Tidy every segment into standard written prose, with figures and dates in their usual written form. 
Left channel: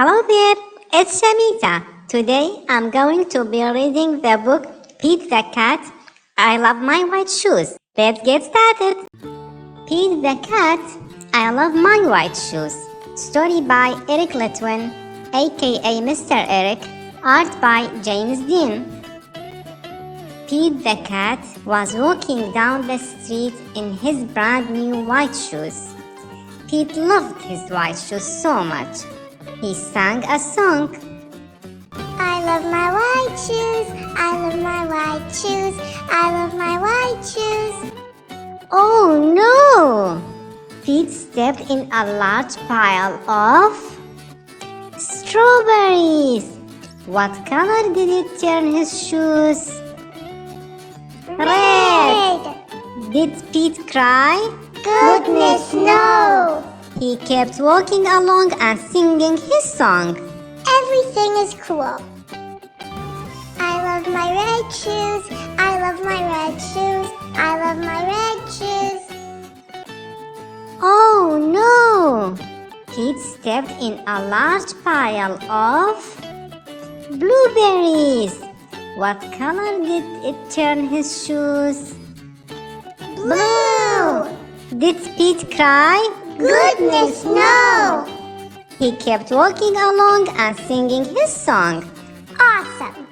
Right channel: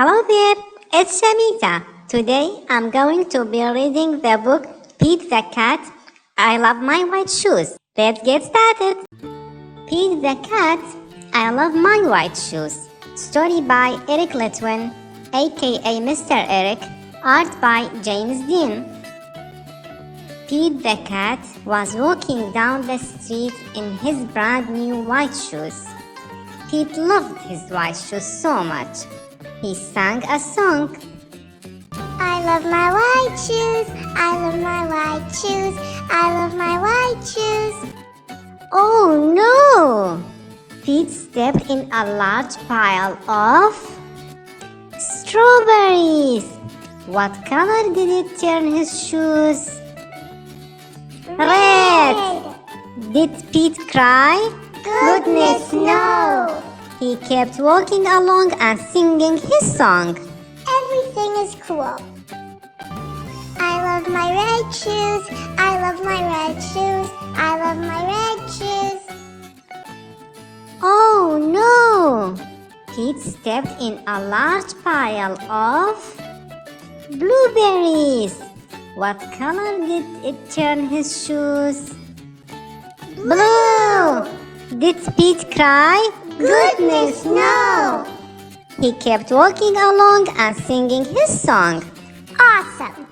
Hello there, it's Shamita. Today I'm going to be reading the book Pete the Cat, I Love My White Shoes. Let's get started. Pete the Cat, I Love My White Shoes. Story by Eric Litwin, aka Mr. Eric. Art by James Dean. Pete the Cat was walking down the street in his brand new white shoes. Pete loved his white shoes so much. He sang a song. I love my white shoes, I love my white shoes, I love my white shoes. Oh no! Pete stepped in a large pile of strawberries. What color did it turn his shoes? Red! Did Pete cry? Goodness, no! He kept walking along and singing his song. Everything is cool. I love my red shoes, I love my red shoes, I love my red shoes. Oh no! Pete stepped in a large pile of blueberries. What color did it turn his shoes? Blue! Did Pete cry? Goodness, no! He kept walking along and singing his song. Awesome!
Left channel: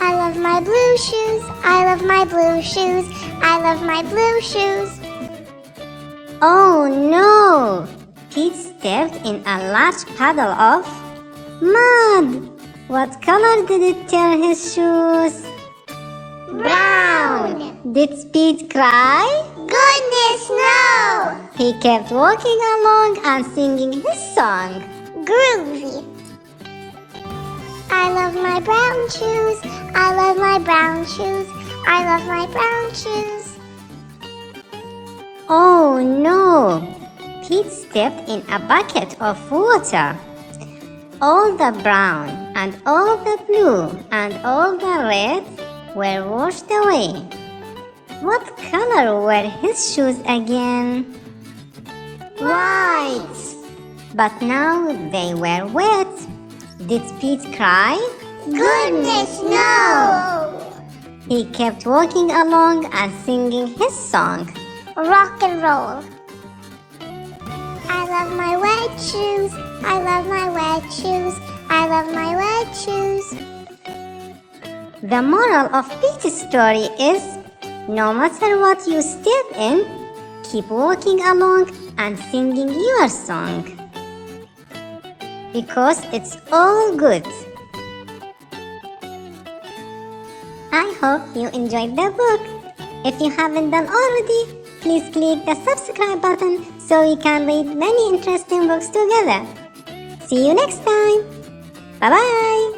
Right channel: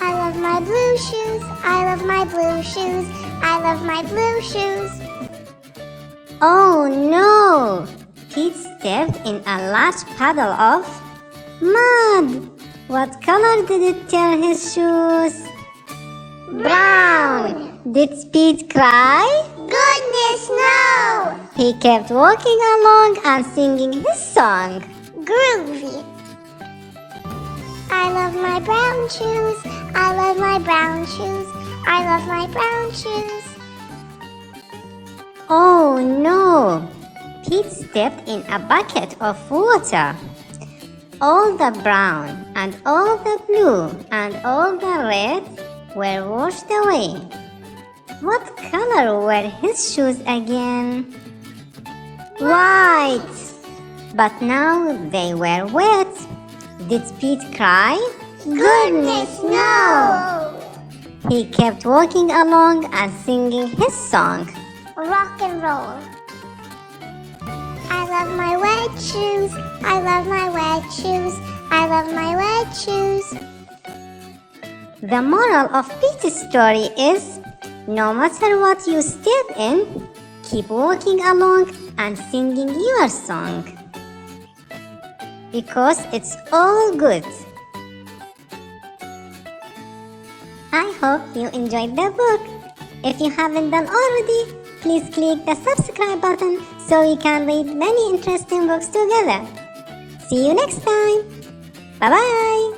I love my blue shoes, I love my blue shoes, I love my blue shoes. Oh no! Pete stepped in a large puddle of mud. What color did it turn his shoes? Brown! Did Pete cry? Goodness, no! He kept walking along and singing his song. Groovy! I love my brown shoes, I love my brown shoes, I love my brown shoes. Oh no! Pete stepped in a bucket of water. All the brown and all the blue and all the red were washed away. What color were his shoes again? White! But now they were wet. Did Pete cry? Goodness, no! He kept walking along and singing his song. Rock and roll. I love my white shoes, I love my white shoes, I love my white shoes. The moral of Pete's story is, no matter what you step in, keep walking along and singing your song. Because it's all good. I hope you enjoyed the book. If you haven't done already, please click the subscribe button so we can read many interesting books together. See you next time. Bye-bye.